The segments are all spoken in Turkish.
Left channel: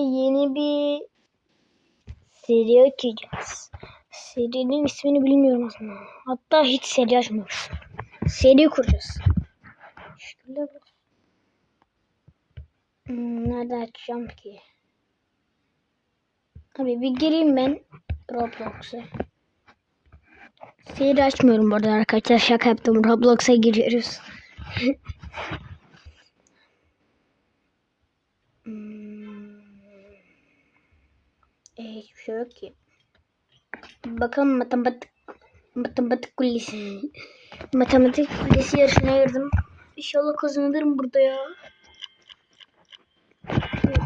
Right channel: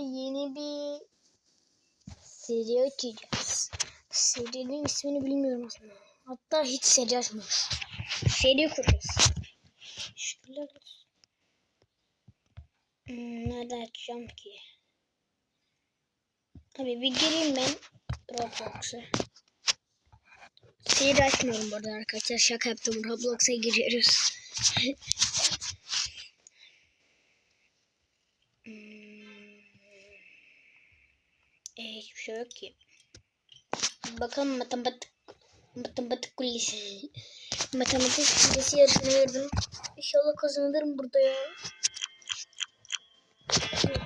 yeni bir seri açacağız. Serinin ismini bilmiyorum aslında. Hatta hiç seri açmamış. Seri kuracağız. Şöyle Hmm, nerede açacağım ki? Abi bir gireyim ben Roblox'a. Seri açmıyorum bu arada arkadaşlar. Şaka yaptım. Roblox'a giriyoruz. Hmm. E, hiçbir şey yok ki. Bakalım matematik matematik kulesi. matematik kulesi yarışına girdim. İnşallah kazanırım burada ya.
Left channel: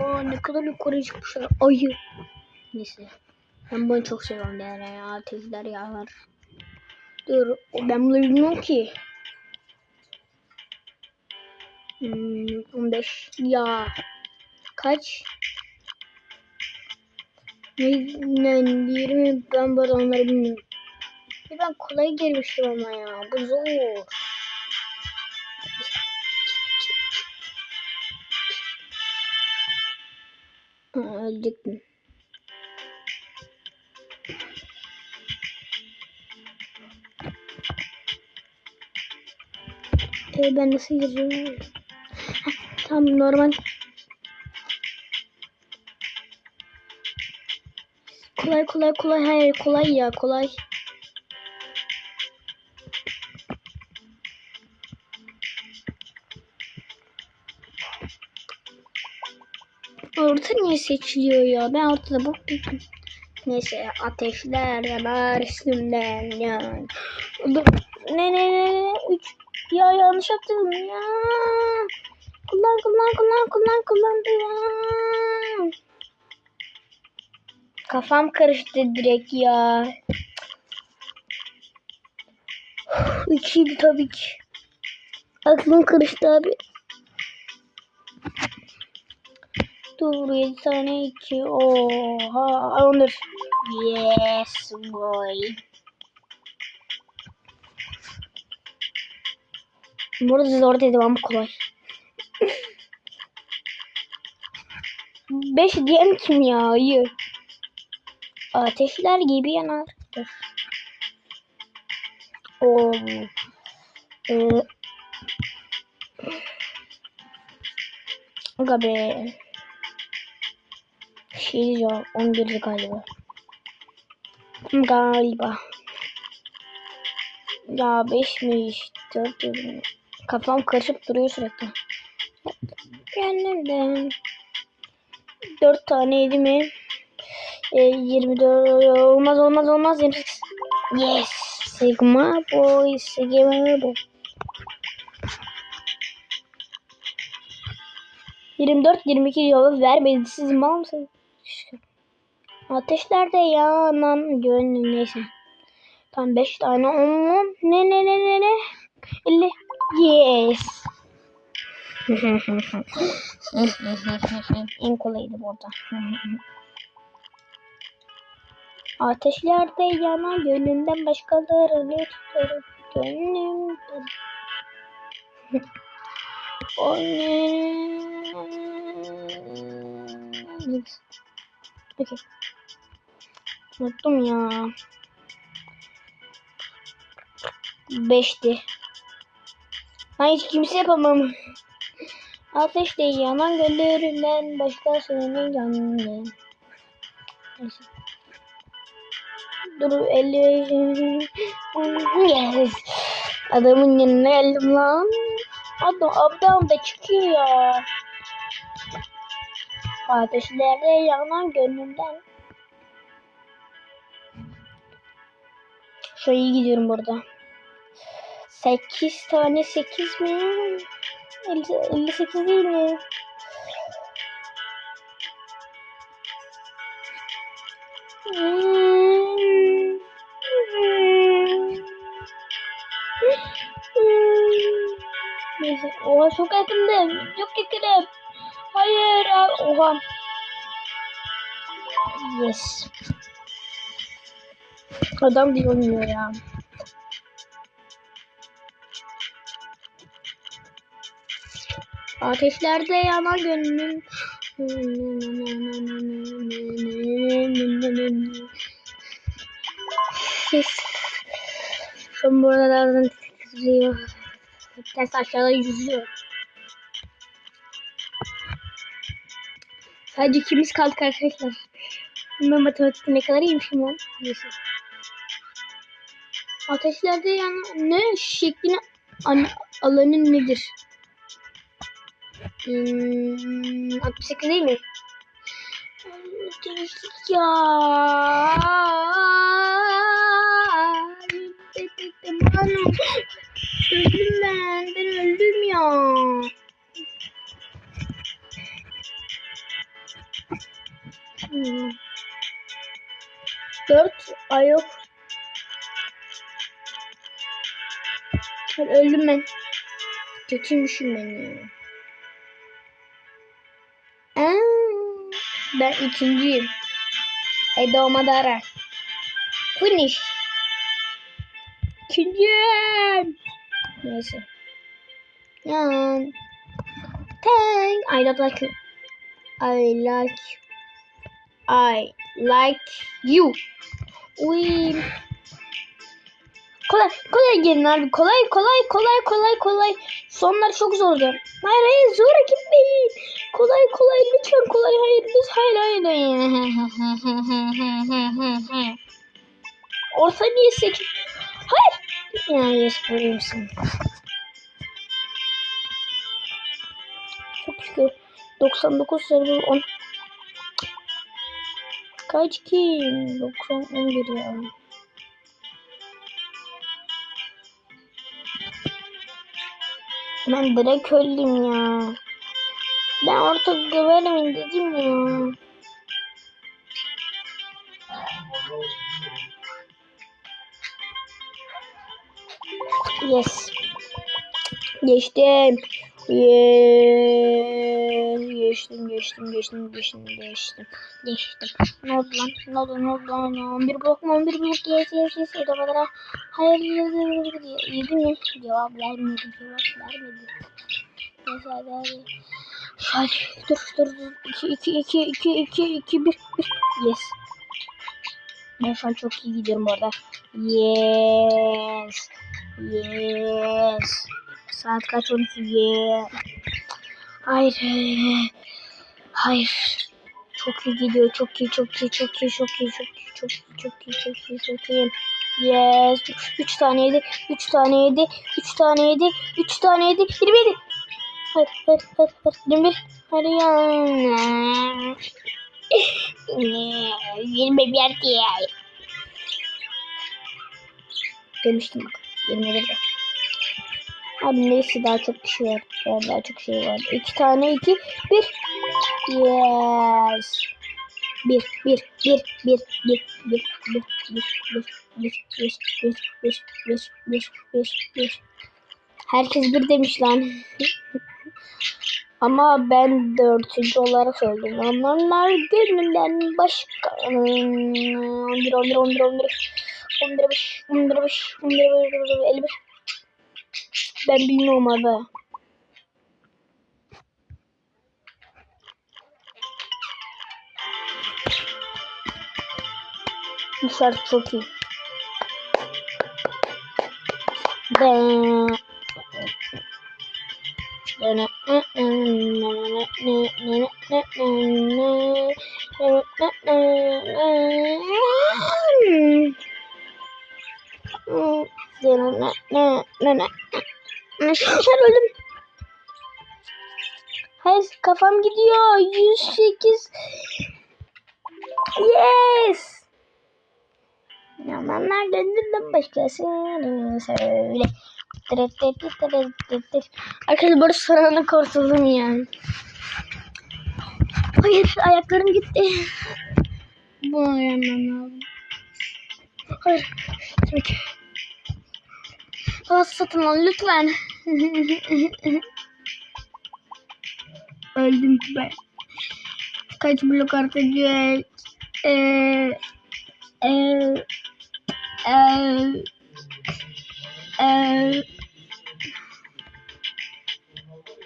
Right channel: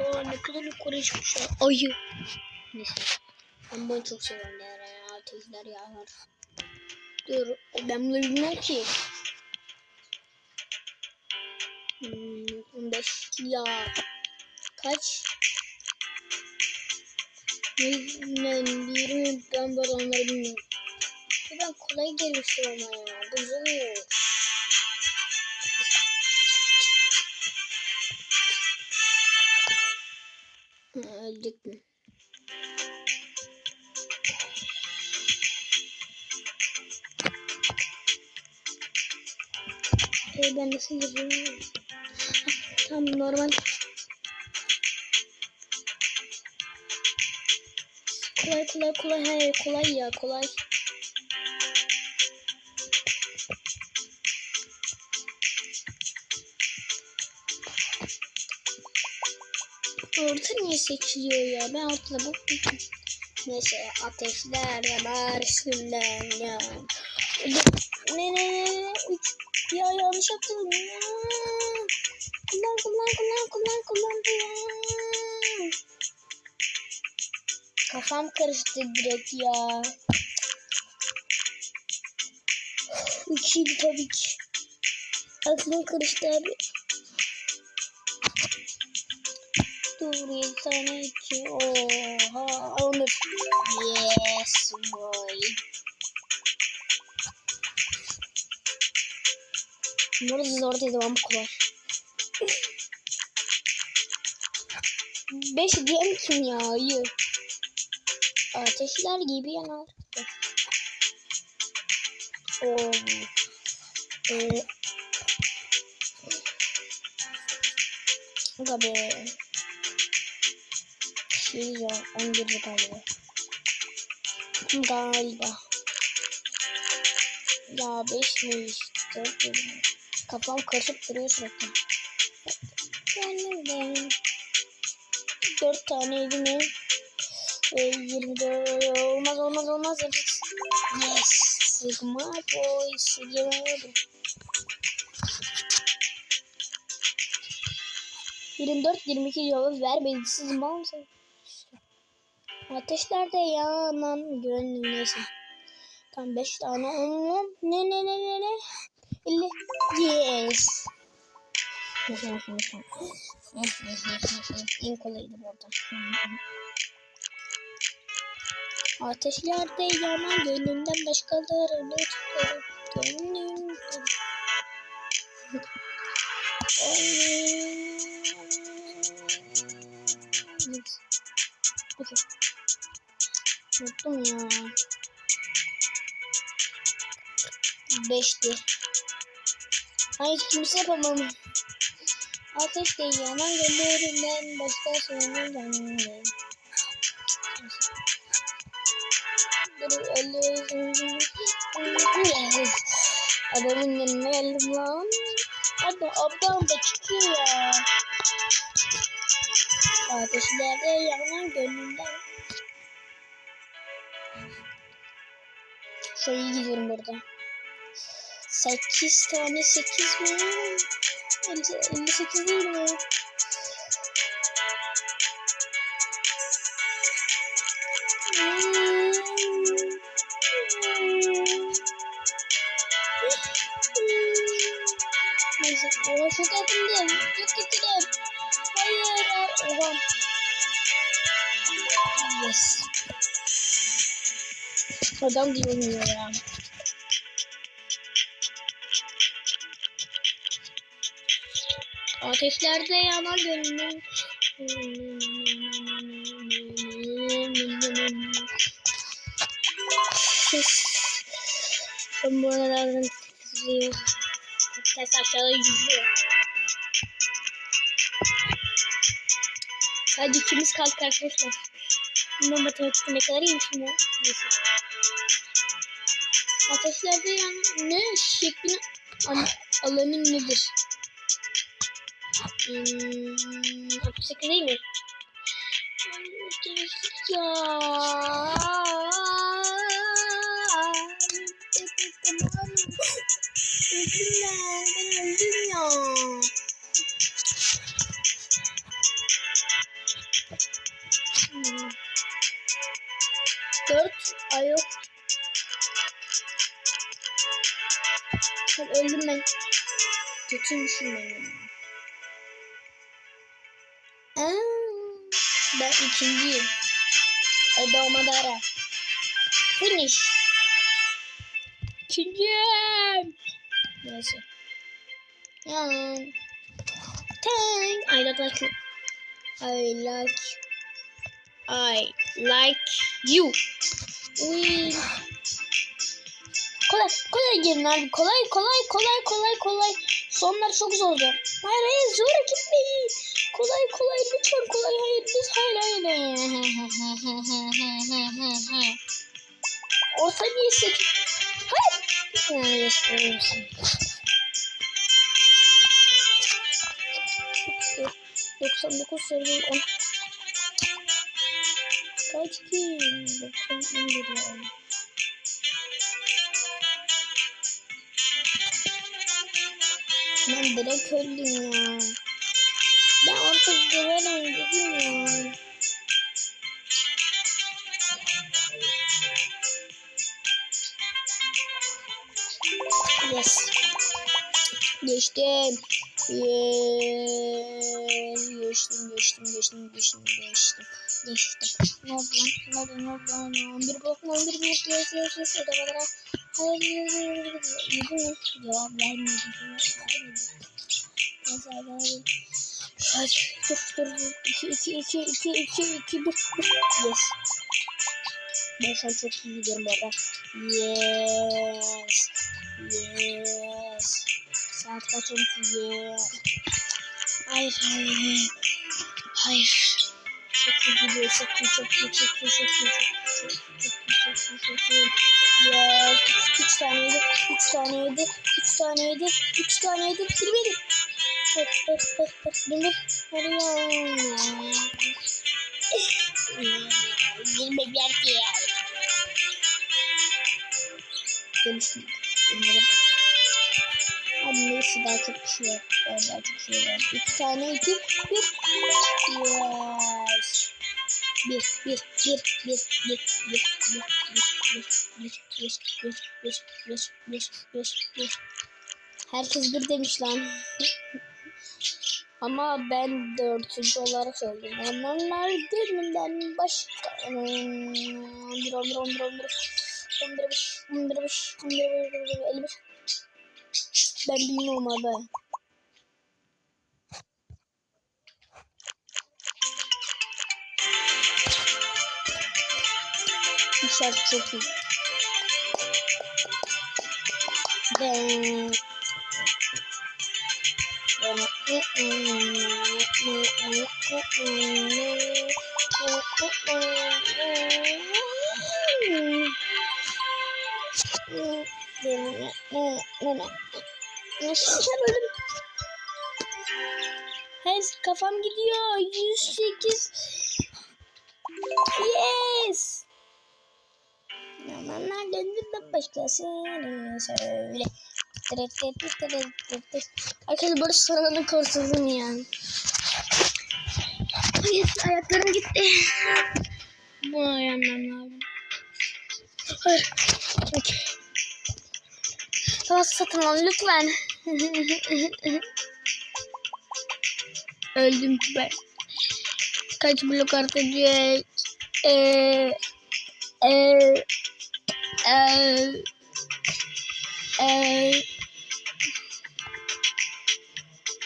Aa ne kadar yukarı çıkmış ya. Ayı. Neyse. Ben bunu çok seviyorum değer ya. Ateşler yağlar. Dur. Ben bunu bilmiyorum ki. Hmm, 15 ya kaç? Ne, ne 20 ben böyle onları bilmiyorum. Ben kolay girmiştim ama ya. Bu zor. Ha, öldük mü? E ben nasıl? Heh, Tamam normal. Kolay kolay kolay hayır kolay ya kolay. Orta niye seçiliyor ya? Ben ortada bok buldum. Neyse ateşler yanar üstümden ya. Ne ne ne ne üç ya yanlış yaptım ya. Kullan kullan kullan kullan kullan ya. Kafam karıştı direkt ya. İkiydi tabii ki. Aklım karıştı abi. Dur 7 tane 2. Oha. Onur. Yes boy. Burada zor dedim ama kolay. 5 diyen kim ya? Ayı. Ateşler gibi yanar. Oo. Ee, Aga be. Şey diyeceğim. 11 galiba. Galiba. Ya 5 mi? 4 mi? Kafam karışıp duruyor sürekli. Geldim. 4 taneydi mi? E, 24 olmaz olmaz olmaz 28. Yes. Sigma boy. Sigma boy. 24 22 yolu vermedi. Siz mal mısınız? Ateşlerde yanan gönlüm neyse. Tam 5 tane on Ne ne ne ne ne? 50. Yes. en kolaydı bu arada. Ateşlerde yanan gönlümden başkalarını tutarım. Gönlümden. Peki. Unuttum ya. Beşti. Ben hiç kimse yapamam. Ateş değil yanan göllerinden başka sınırın canlı. Dur 50 yes. Adamın yanına geldim lan. Adam abdam da çıkıyor ya. Ateşlerde yanan gönlümden. Şöyle iyi gidiyorum burada. 8 tane 8 mi? 50, 58 değil mi? Neyse. Oha çok yakındım. Çok yakınım. Hayır. ay- Oha. Yes. Adam diyor oynuyor ya. Ateşlerde yanan gönlüm. Ben buralardan titriyor. Ters aşağıda yüzüyor. Sadece ikimiz kaldık arkadaşlar. Ben matematikte ne kadar iyiymişim ya. Neyse. Ateşlerde yani ne şeklini an, alanı nedir? Hmm, 68 değil mi? Ya. Öldüm ben. Ben öldüm ya. Hmm. Dört ay yok. Ben öldüm ben. Kötüymüşüm ben ya. Aa, ben ikinciyim. Edo Madara. Finish. İkinciyim. Neyse. Yan. Thank. I don't like you. I like. I like you. Win. Kolay, kolay gelin abi. Kolay, kolay, kolay, kolay, kolay. Sonlar çok zor olacak. Hayır, hayır, zora gitmeyin. Kolay, kolay, lütfen kolay. Hayır, lütfen, hayır, hayır. Orta niye sekiz? Ya, yaşayabilirsin. Çok şükür. 99 sayılı 10. Kaç ki? 90 11 yani. Ben direkt öldüm ya. Ben artık güvenemem dedim ya. Yes. Geçtim. Yes. Geçtim, geçtim, geçtim, geçtim, geçtim. Geçtim. Ne oldu lan? Ne oldu, ne oldu lan? Bir blok mu? Bir blok. Yes, yes, yes. Kadar. Hayır, yes, yes. Yedi mi? Cevap vermedi. Cevap vermedi. Neyse, hadi. Hadi. Dur, dur. İki, iki, iki, iki, iki, iki, bir. Yes. Ben şu an çok iyi gidiyorum orada. Yes. Yes. Saat kaç 12? Yes. Hayır. Hayır. Çok iyi gidiyor. Çok iyi, çok iyi, çok iyi, çok iyi, çok iyi, çok iyi, çok iyi, çok iyi. Yes. Üç, üç tane yedi. Üç tane yedi. Üç tane yedi. Üç tane yedi. Yirmi yedi. Hayır, hayır, hayır, hayır. Yirmi bir. Hadi ya. Yirmi bir diye. Demiştim bak. 21'de. Abi neyse daha çok kişi var. Daha çok şey var. İki tane iki. Bir. Yes. Bir, bir, bir, bir, bir, bir, bir, bir, bir, bir, bir, bir, bir, bir, bir, bir, bir. Herkes bir demiş lan. Ama ben dördüncü olarak öldüm. Onlar gönlümden başka. 11, 11, 11, 11. 11 5, 11 5, 11 5, 51. Ben bilmiyorum abi. Bu şarkı çok iyi. Ben... Sen öldüm. Hayır kafam gidiyor. 108. Yes. Yamanlar gönlümden başkasını söyle. Arkadaşlar böyle sorana kurtuldum ya. Hayır ayaklarım gitti. Bunu yemem lazım. Hayır. Havası satın al lütfen. Öldüm ben. Kaç blok artacak? Eee... Eee... Eee... Eee...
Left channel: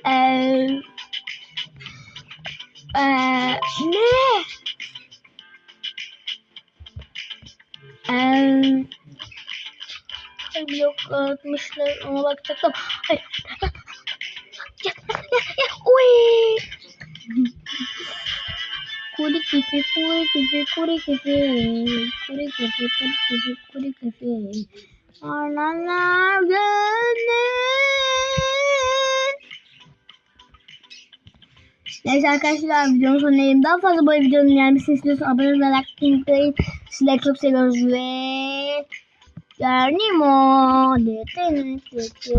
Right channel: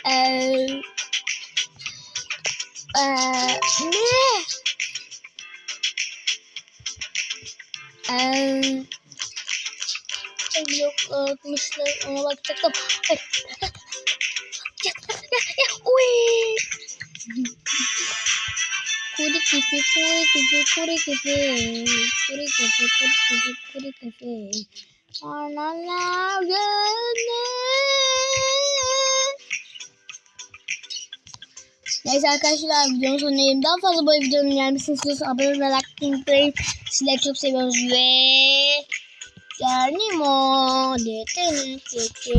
Eee... Ee, ne? Ee, yok atmışlar ona bakacaktım. Ay. Ya, ya, ya, uy. Kuri kisi, kuri kisi, kuri kisi, kuri kisi, kuri kisi, kuri kisi. Analar gönlüm. Neyse arkadaşlar videonun sonundayım. Daha fazla böyle videonun gelmesini istiyorsanız abone olmayı, like unutmayın. Sizleri çok seviyoruz ve 誰にも出てきて。